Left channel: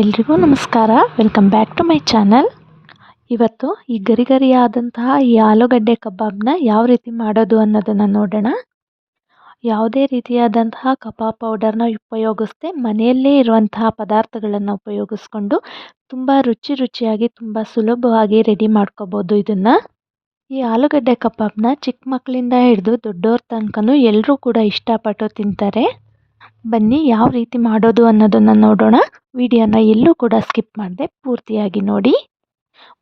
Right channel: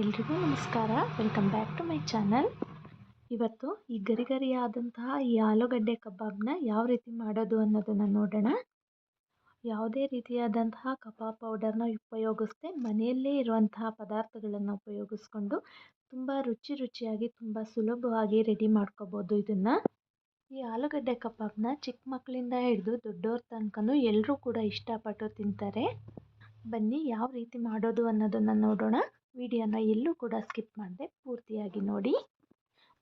ಎಲ್ರಿಗೂ ನಮಸ್ಕಾರ. Welcome back to my channel. ಇವತ್ತು ಈ ಗರಿಗರಿಯಾದಂತಹ ಈ ಆಲೂಗಡ್ಡೆ ಕಬಾಬ್ನ ಯಾವ ರೀತಿ ಮಾಡೋದು ಅನ್ನೋದನ್ನು ನೋಡೋಣ. ಯಾವುದೇ ರೀತಿಯಾದಂತಹ ಕಬಾಬ್ ಪೌಡರ್ನ ಉಪಯೋಗಿಸದೆ ಮನೆಯಲ್ಲೇ ಇರುವಂತಹ ಪದಾರ್ಥಗಳನ್ನು ಉಪಯೋಗಿಸ್ಕೊಂಡು ತುಂಬ ರುಚಿಯಾಗಿ ತುಂಬ ಸುಲಭವಾಗಿ ರೆಡಿ ಮಾಡ್ಕೋಬೋದು ಇದನ್ನು. ಈ ಆಲೂಗಡ್ಡೆ ಕಬಾಬ್ನ ಚಿಕ್ಕ ಮಕ್ಕಳಿಂದ ಹಿಡಿದು ದೊಡ್ಡವ್ರ ತನಕನೂ ಎಲ್ಲರೂ ಕೂಡ ಇಷ್ಟಪಟ್ಟು ತಿಂತಾರೆ. ಬನ್ನಿ ಯಾವ ರೀತಿ ಮಾಡೋದು ಅನ್ನೋದನ್ನು ನೋಡೋಣ. ವಿಡಿಯೋನ ಎಲ್ಲೂ ಕೂಡ ಸ್ಕಿಪ್ ಮಾಡದೆ ಪೂರ್ತಿಯಾಗಿ ನೋಡಿ.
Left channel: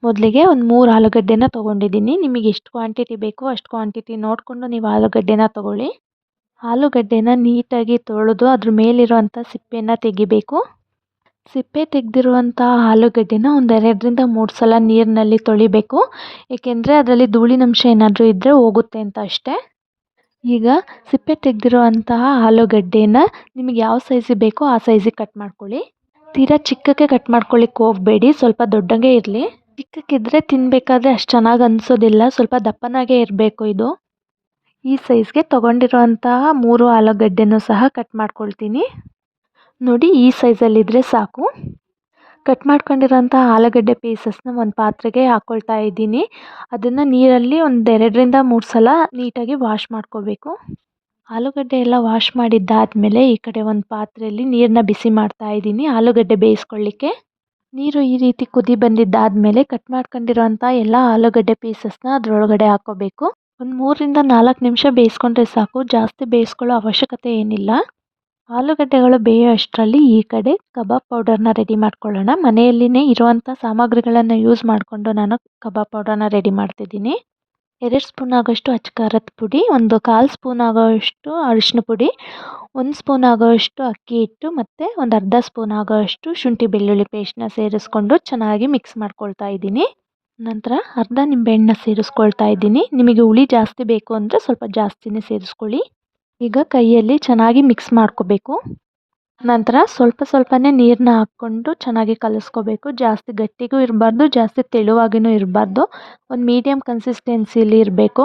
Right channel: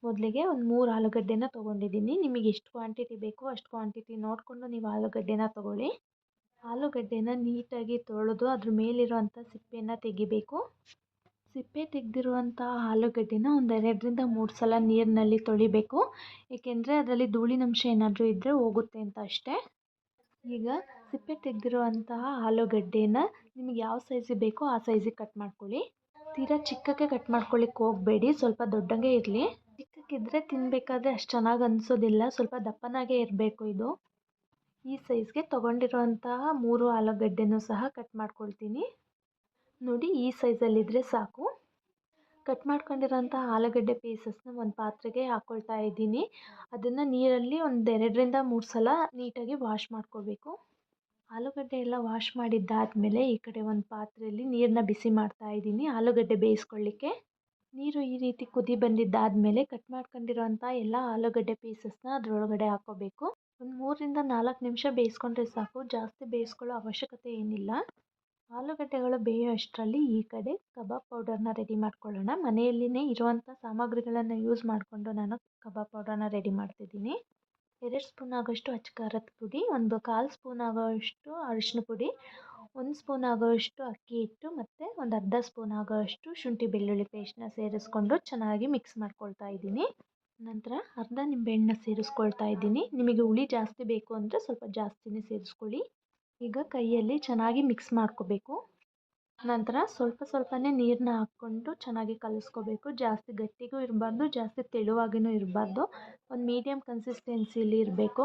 ಮೊದಲಿಗೆ ಒಂದು 3 ಆಲೂಗಡ್ಡೆನ ತೊಗೊಂಡಿದ್ದೀನಿ. ನಿಮಗೆ ಎಷ್ಟು ಕ್ವಾಂಟಿಟಿ ಬೇಕೋ ಅಷ್ಟು ಕ್ವಾಂಟಿಟಿ ನೋಡಿಕೊಂಡು ನೀವು ಆಲೂಗಡ್ಡೆನ ತೊಗೊಳ್ಳಿ. ಆಲೂಗಡ್ಡೆನ ನೀಟಾಗಿ ತೊಳೆದು ಅದ್ರ ಮೇಲಿರುವಂಥ ಸಿಪ್ಪೆನ ತೆಗಿಬೇಕು. ಸಿಪ್ಪೆ ತೆಗೆದಿರುವಂಥ ಆಲೂಗಡ್ಡೆನ ಒಂದು 2ರಿಂದ 3 ಸಲ ನೀರಿನಲ್ಲಿ ತೊಳಿಬೇಕು. ಏಕೆಂದರೆ ಅದರಲ್ಲಿ ಧೂಳಿನಂಶ ಏನಾದರೂ ಇದ್ದರೆ ಹೋಗುತ್ತೆ ಅಂತ ಅಷ್ಟೇ. ಈಗ ಸಿಪ್ಪೆ ತೆಗೆದಿರುವಂತಹ ಆಲೂಗಡ್ಡೆನ ನಿಮಗೆ ಯಾವ ಸೈಜಿಗೆ ಬೇಕೋ ಆ ಸೈಜಿಗೆ ಕಟ್ ಮಾಡ್ಕೊಳ್ಳಿ. ತೀರಾ ಚಿಕ್ಕಕ್ಕೆ ಕಟ್ ಮಾಡ್ಕೊಳ್ಳಿಕ್ಕೆ ಹೋಗಬೇಡಿ, ಸ್ವಲ್ಪ ದೊಡ್ಡಗೆ ಇರಲಿ. ಚಿಕ್ಕಕ್ಕಿದ್ರೆ ತಿನ್ನಬೇಕಾದ್ರೆ ಅಷ್ಟು ಚೆನ್ನಾಗಿ ಅನಿಸೋದಿಲ್ಲ, ಸ್ವಲ್ಪ ದಪ್ಪನಾಗೇ ಇರಬೇಕು ಇದು. ಈ ಸೈಜ್ಗೆ ತೊಗೊಂಡಿರುವಂತಹ 3 ಆಲೂಗಡ್ಡೆನೂ ಸಹ ಕಟ್ ಮಾಡ್ಕೊಳ್ತೀನಿ. ನೋಡಿ, ಈ ಸೈಜಲ್ಲಿದ್ದರೆ ಸಾಕು. ಕಟ್ ಮಾಡ್ಕೊಂಡಿರೋಂಥ ಆಲೂಗಡ್ಡೆ ಪೀಸಸ್ನ ಒಂದು ಪಾತ್ರೆಗೆ ಹಾಕ್ಕೊಳ್ತಾ ಇದ್ದೀನಿ. ಅದನ್ನು ನೀರಲ್ಲಿ ಒಂದು 2ರಿಂದ 3 ಸಲ ನೀಟಾಗಿ ವಾಶ್ ಮಾಡ್ಕೋಬೇಕು. ಆಲೂಗಡ್ಡೆ ಎಲ್ಲ ವಾಶ್ ಮಾಡಿದ್ದಾದಮೇಲೆ ಈ ಕಡೆ ಒಂದು ಪಾತ್ರೆಯಲ್ಲಿ ನೀರನ್ನ ಬಿಸಿ ಮಾಡ್ತಾ ಇದ್ದೀನಿ ಆಲೂಗಡ್ಡೆ ಬೇಯಿಸ್ಕೊಳ್ಳಿಕ್ಕೆ. ನೀರು ಈ ರೀತಿ ಕುದಿ ಬಂದಿದ್ದಾದಮೇಲೆ ಕಟ್ ಮಾಡ್ಕೊಂಡಿರೋಂಥ ಎಲ್ಲ ಆಲೂಗಡ್ಡೆ ಪೀಸಸ್ನ ಅದರೊಳಗಡೆ ಹಾಕ್ಕೋಬೇಕು. ಒಂದು 3ರಿಂದ 4 ನಿಮಿಷ ಬೇಯಿಸ್ಕೊಂಡ್ರೆ ಸಾಕು, ಜಾಸ್ತಿ ಬೇಯಿಸ್ಕೊಳ್ಳೋ ಅವಶ್ಯಕತೆ ಏನಿಲ್ಲ. ಆಲೂಗಡ್ಡೆಗಳು ಬೇಯೋ ಅಷ್ಟರಲ್ಲಿ ಈ ಕಡೆ ಕಬಾಬ್ ಪೌಡರ್ನ ರೆಡಿ ಮಾಡ್ಕೊಳ್ಳೋಣ. ಮನೆಯಲ್ಲಿನೇ ಇರುವಂಥ ಸಾಮಗ್ರಿಗಳನ್ನು ಯೂಸ್ ಮಾಡಿಕೊಂಡು ನಾನು ಕಬಾಬ್ ಪೌಡರ್ನ ರೆಡಿ ಮಾಡ್ತಿದ್ದೀನಿ. 2 ಸ್ಪೂನ್ ಆಗೋಷ್ಟು ಅಚ್ಚ ಖಾರದ ಪುಡಿ, ಒಂದು 1/4 ಸ್ಪೂನ್ ಆಗೋಷ್ಟು ಅರಿಶಿನ ಪುಡಿ, 1 ಸ್ಪೂನ್ ಆಗೋಷ್ಟು ಅಕ್ಕಿ ಹಿಟ್ಟು ಮತ್ತು ಒಂದು ಅರ್ಧ ಸ್ಪೂನ್ ಆಗೋಷ್ಟು ಶುಂಠಿ ಬೆಳ್ಳುಳ್ಳಿ ಪೇಸ್ಟ್ನ ಸೇರಿಸ್ಕೊಂಡು ಚೆನ್ನಾಗಿ ಮಿಕ್ಸ್ ಮಾಡ್ಕೊಳ್ತಾ ಇದ್ದೀನಿ. ನಂತರ ಅರ್ಧ ನಿಂಬೆಹಣ್ಣನ್ನ ಸೇರಿಸ್ಕೊಳ್ತಾ ಇದ್ದೀನಿ. ನಿಮಗೆ ಹುಳಿ ಜಾಸ್ತಿ ಬೇಕು ಅಂದರೆ ಸ್ವಲ್ಪ ಜಾಸ್ತಿನೇ ಸೇರಿಸ್ಕೊಳ್ಳಿ. ಈಗ ಕೈಯಲ್ಲಿ ಚೆನ್ನಾಗಿ ಮಿಕ್ಸ್ ಮಾಡ್ಕೋಬೇಕು. ನಂತರ ಸ್ವಲ್ಪನೇ ನೀರನ್ನ ಹಾಕ್ಕೊಂಡು ಚೆನ್ನಾಗಿ ಕಲಿಸ್ಕೋಬೇಕು. ಜಾಸ್ತಿ ಗಟ್ಟಿಗೂ ಇರಬಾರ್ದು, ಜಾಸ್ತಿ ತೆಳುವಾಗಿಯೂ ಇರಬಾರ್ದು, ಒಂದು ಮೀಡಿಯಮ್ ಕನ್ಸಿಸ್ಟೆನ್ಸಿಲಿ ಇರಬೇಕು.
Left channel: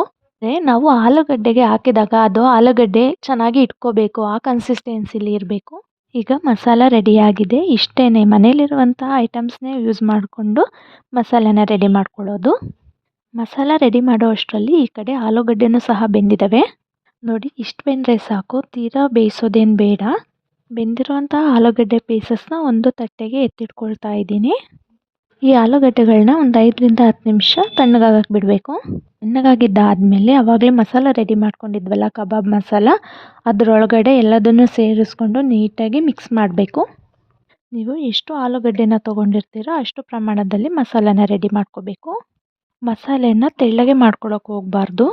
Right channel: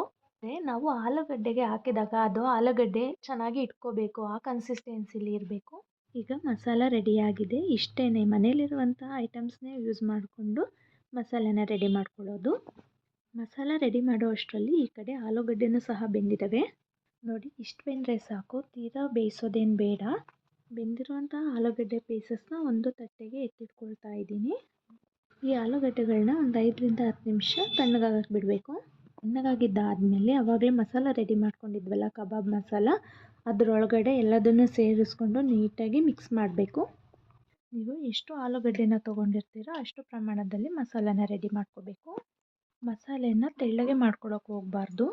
ನಾವು ಆಲೂಗಡ್ಡೆಗೆ ಹಾಕಿದಾಗ ಅದು ಆಲೂಗಡ್ಡೆ ಚೆನ್ನಾಗಿ ಇಟ್ಕೋಬೇಕು, ಆ ಕನ್ಸಿಸ್ಟೆನ್ಸಿಲಿ ಇರಬೇಕು. ಈಗ ಮಸಾಲ ರೆಡಿಯಾಗಿದೆ. ಇಷ್ಟೇ, ಮನೇಲಿರುವಂಥ ಐಟಮ್ಸ್ನೇ ಯೂಸ್ ಮಾಡಿಕೊಂಡು ಮಸಾಲೆನ ರೆಡಿ ಮಾಡ್ಕೊಳ್ಳೋದು. ಮಸಾಲ ರೆಡಿ ಮಾಡೋ ಅಷ್ಟರಲ್ಲಿ ಈ ಕಡೆ ಆಲೂಗಡ್ಡೆನೂ ಸಹ ಬೆಂದಿದ್ದಾವೆ. ನೋಡಿ, ಇಷ್ಟು ಬೆಂದರೆ ಸಾಕು, ತೀರಾ ಬೇಯಿಸೋದೇನು ಬೇಡ. ಬೆಂದಿರುವಂಥ ಆಲೂಗಡ್ಡೆ ಪೀಸಸ್ನ ಒಂದು ತಟ್ಟೆಗೆ ಎತ್ತಿಟ್ಕೊಳ್ತಾ ಇದ್ದೀನಿ. ಈ ಆಲೂಗಡ್ಡೆಗಳನ್ನ ಒಂದು 5ರಿಂದ 10 ನಿಮಿಷ ತಣ್ಣಗಾಗಕ್ಕೆ ಬಿಡಬೇಕು. ತಣ್ಣಗಾಗಿದ್ದಾದಮೇಲೆ ಆವಾಗಲೇ ಮಸಾಲ ರೆಡಿ ಮಾಡ್ಕೊಂಡಿದ್ವಲ್ಲ, ಕಬಾಬ್ ಮಸಾಲ, ಅದರೊಳಗಡೆ ಎಲ್ಲದನ್ನು ಸೇರಿಸ್ಕೊಂಡು ನೀಟಾಗಿ ಮಿಕ್ಸ್ ಮಾಡಬೇಕು. ನೀವು ಎಷ್ಟು ಆಲೂಗಡ್ಡೆನ ತೊಗೊಂಡಿರ್ತೀರೋ ಅಷ್ಟು ಪ್ರಮಾಣದಲ್ಲಿ ಮಸಾಲೆನ ರೆಡಿ ಮಾಡ್ಕೋಬೇಕು. ಮಸಾಲೆನ ತೆಳ್ಳಗೆ ಮಾಡ್ಕೊಳಕ್ಕೆ ಹೋಗಬಾರ್ದು,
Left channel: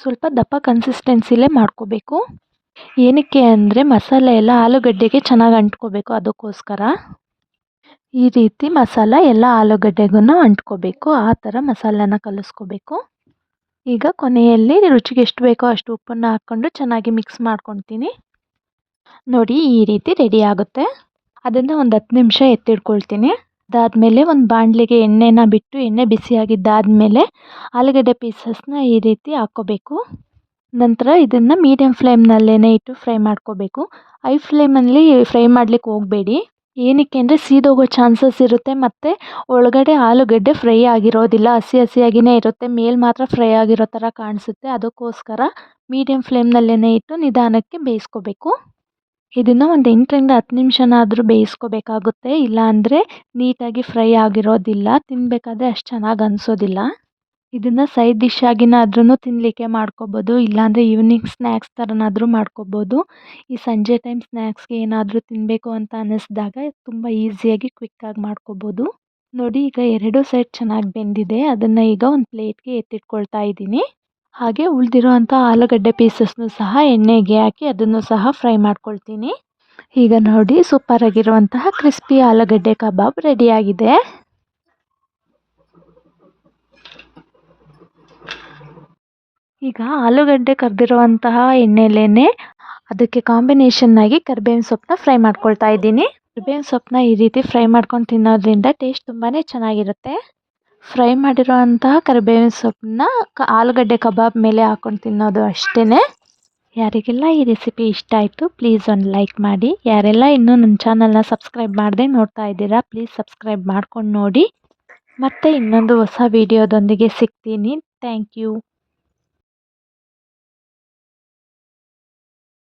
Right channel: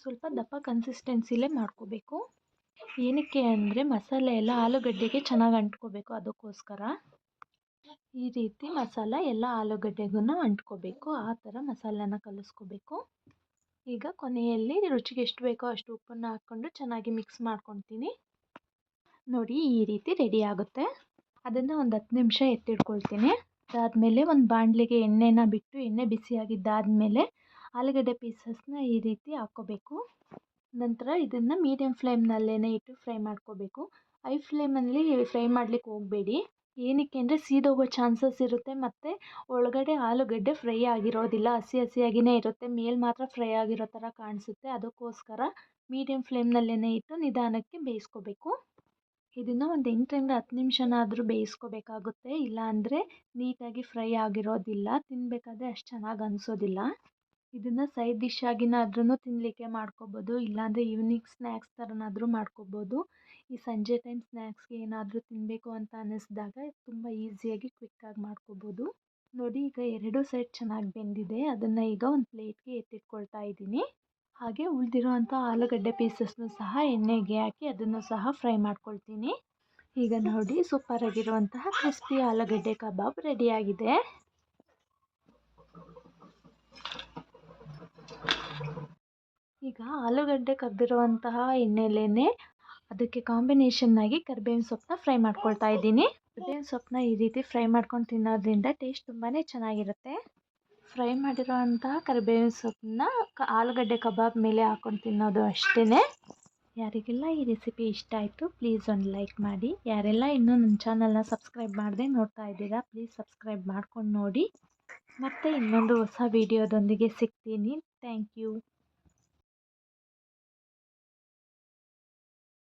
ಸ್ವಲ್ಪ ದಪ್ಪ ಕನ್ಸಿಸ್ಟೆನ್ಸಿಲೇ ಮಾಡ್ಕೋಬೇಕು. ಏನಕ್ಕೆ ಅಂದರೆ ಮಸಾಲೆ ಎಲ್ಲ ಆಲೂಗಡ್ಡೆಗೆ ಚೆನ್ನಾಗಿ ಅಂಟ್ಕೋಬೇಕು, ಅದಕ್ಕೋಸ್ಕರ. ಈ ರೀತಿ ಮಸಾಲ ಎಲ್ಲ ಆಲೂಗಡ್ಡೆಗೂ ಅಂಟ್ಕೋಬೇಕು, ಆ ಥರ ಮಸಾಲೆನ ಕಲಿಸ್ಕೋಬೇಕು. ಈಗ ಕೊನೆಯಲ್ಲಿ ರುಚಿಗೆ ಎಷ್ಟು ಬೇಕೋ ಅಷ್ಟು ಉಪ್ಪನ್ನು ಹಾಕ್ಕೊಂಡು ಚೆನ್ನಾಗಿ ಮಿಕ್ಸ್ ಮಾಡ್ಕೊತೀನಿ. ನೋಡಿ, ಈ ರೀತಿ ರೆಡಿ ಆಗುತ್ತೆ. ಅದನ್ನು ಒಂದು 10 ನಿಮಿಷ ಎತ್ತಿಡ್ಕೊಳ್ತೀನಿ. ಅದಾದಮೇಲೆ ಒಂದು ಬಾಣಲಿಗೆ ಎಣ್ಣೆನ ಬಿಟ್ಟು, ಎಣ್ಣೆ ಬಿಸಿಯಾಗಿದ್ದಾದಮೇಲೆ ಆಲೂಗಡ್ಡೆ ಪೀಸಸ್ನ ಈ ರೀತಿ ಹಾಕ್ಕೋಬೇಕು. ನಂತರ ಇದನ್ನು ಮೀಡಿಯಮ್ ಫ್ಲೇಮ್ನಲ್ಲೇ ಇಟ್ಟು ಫ್ರೈ ಮಾಡ್ಕೋಬೇಕು. ಹೈ ಫ್ಲೇಮಲ್ಲಿ ಫ್ರೈ ಮಾಡಲಿಕ್ಕೆ ಹೋಗಬೇಡಿ. ಏನಕ್ಕೆ ಅಂದರೆ ಸೀದೋಗೋ ಚಾನ್ಸಸ್ ಇರುತ್ತೆ, ಮತ್ತು ಒಳಗಡೆ ಆಲೂಗಡ್ಡೆ ಫ್ರೈ ಆಗಿರೋದಿಲ್ಲ, ಹಸಿಯಾಗಿಯೇ ಇರುತ್ತೆ, ಮೇಲೆ ಮಾತ್ರ ಫ್ರೈ ಆಗಿರೋ ಥರ ಕಾಣಿಸುತ್ತೆ. ಅದಕ್ಕೋಸ್ಕರ ಮೀಡಿಯಮ್ ಫ್ಲೇಮ್ನಲ್ಲೇ ಇಟ್ಟು ನಿಧಾನಕ್ಕೆ ಬೇಯಿಸ್ಕೋಬೇಕು. ಇದನ್ನು ಒಂದು 8ರಿಂದ 10 ನಿಮಿಷನಾದರೂ ಬೇಯಿಸ್ಕೋಬೇಕಾಗುತ್ತೆ, ಇಲ್ಲಾಂದರೆ ನೀಟಾಗಿ ಫ್ರೈ ಆಗಿರೋದಿಲ್ಲ, ತಿನ್ನಬೇಕಾದ್ರೆ ಅಷ್ಟು ಚೆನ್ನಾಗಿ ಅನಿಸೋದಿಲ್ಲ. ಇದನ್ನು ಸೈಡ್ ಡಿಶ್ ಆಗಿನಾದ್ರೂ ತಿನ್ನಲಿಕ್ಕೆ ಮಾಡ್ಕೋಬೋದು, ಇಲ್ಲಾಂದರೆ ಈವ್ನಿಂಗ್ ಸ್ನ್ಯಾಕ್ಸ್ ಥರನಾದರೂ ಮಾಡ್ಕೋಬೋದು. ಈ ಸಂಜೆ ಟೈಮ್ ಸ್ನ್ಯಾಕ್ಸ್ಗೆ ಏನಾದರೂ ತಿನ್ನಬೇಕು ಅಂತ ಅನ್ನಿಸಿದಾಗ ತುಂಬ ಈಸಿಯಾಗಿ ಕ್ವಿಕ್ಕಾಗಿ ಮಾಡ್ಕೋಬೋದು. ನೋಡಿ, ಈಗ 2 ಸೈಡ್ ಚೆನ್ನಾಗಿ ಬೆಂದಿದೆ. ಅದನ್ನು ಈಗ ಒಂದು ಪ್ಲೇಟ್ಗೆ ಎತ್ತಿಟ್ಕೊಳ್ತಾ ಇದ್ದೀನಿ. ಹಾಗೆ ಉಳಿದಿರೋ ಅಂಥ ಆಲೂಗಡ್ಡೆ ಪೀಸಸ್ನು ಸಹ ಎಣ್ಣೆಗೆ ಹಾಕಿ ಅದನ್ನು ಸಹ ಫ್ರೈ ಮಾಡ್ಕೊಳ್ತೀನಿ. ಈಗ ನೋಡಿ, ಸೂಪರಾಗಿರುವಂತಹ ಕ್ರಿಸ್ಪಿ ಆಲೂಗಡ್ಡೆ ಕಬಾಬ್ ರೆಡಿಯಾಗಿದೆ. ಈಗ ಆಲೂಗಡ್ಡೆ ಕರೆದಿರುವಂತಹ ಎಣ್ಣೆಲೇ ಅದಕ್ಕೆ ಕಾಂಬಿನೇಷನ್ನಾಗಿ ಕರಿಬೇವಿನ ಸೊಪ್ಪನ್ನ ಫ್ರೈ ಮಾಡ್ಕೊಳ್ತಾ ಇದ್ದೀನಿ. ಕರಿಬೇವಿನ ಸೊಪ್ಪನ್ನ ಈ ರೀತಿ ಫ್ರೈ ಮಾಡ್ಕೊಂಡು ತಿನ್ನೋದ್ರಿಂದ ಟೇಸ್ಟ್ ತುಂಬಾ ಚೆನ್ನಾಗಿರುತ್ತೆ. ಫ್ರೈ ಮಾಡಿರೋವಂತಹ ಕರಿಬೇವಿನ ಸೊಪ್ಪನ್ನ ಆಲೂಗಡ್ಡೆ ಕಬಾಬ್ ಮೇಲೆ ಹಾಕ್ಕೊಂಡು ತಿನ್ನೋದು ಅಷ್ಟೇ. ಯಾರಿಗೆಲ್ಲ ಈ ರೆಸಿಪಿ ಇಷ್ಟ ಆಯಿತು ಪ್ಲೀಸ್ ಒಂದು ಲೈಕ್ ಮಾಡಿ. ಯಾರೆಲ್ಲ ಇನ್ನೂ ನನ್ನ ಚಾನಲ್ನ ಸಬ್ಸ್ಕ್ರೈಬ್ ಮಾಡದೆ ನೋಡ್ತಾ ಇದ್ದೀರಾ ಪ್ಲೀಸ್ ಸಬ್ಸ್ಕ್ರೈಬ್ ಮಾಡ್ಕೊಂಡು ನೋಡಿ. ಮತ್ತೆ ಇನ್ನೊಂದು ಹೊಸ ವಿಡಿಯೋದೊಂದಿಗೆ ಸಿಗ್ತೀನಿ. Thank you.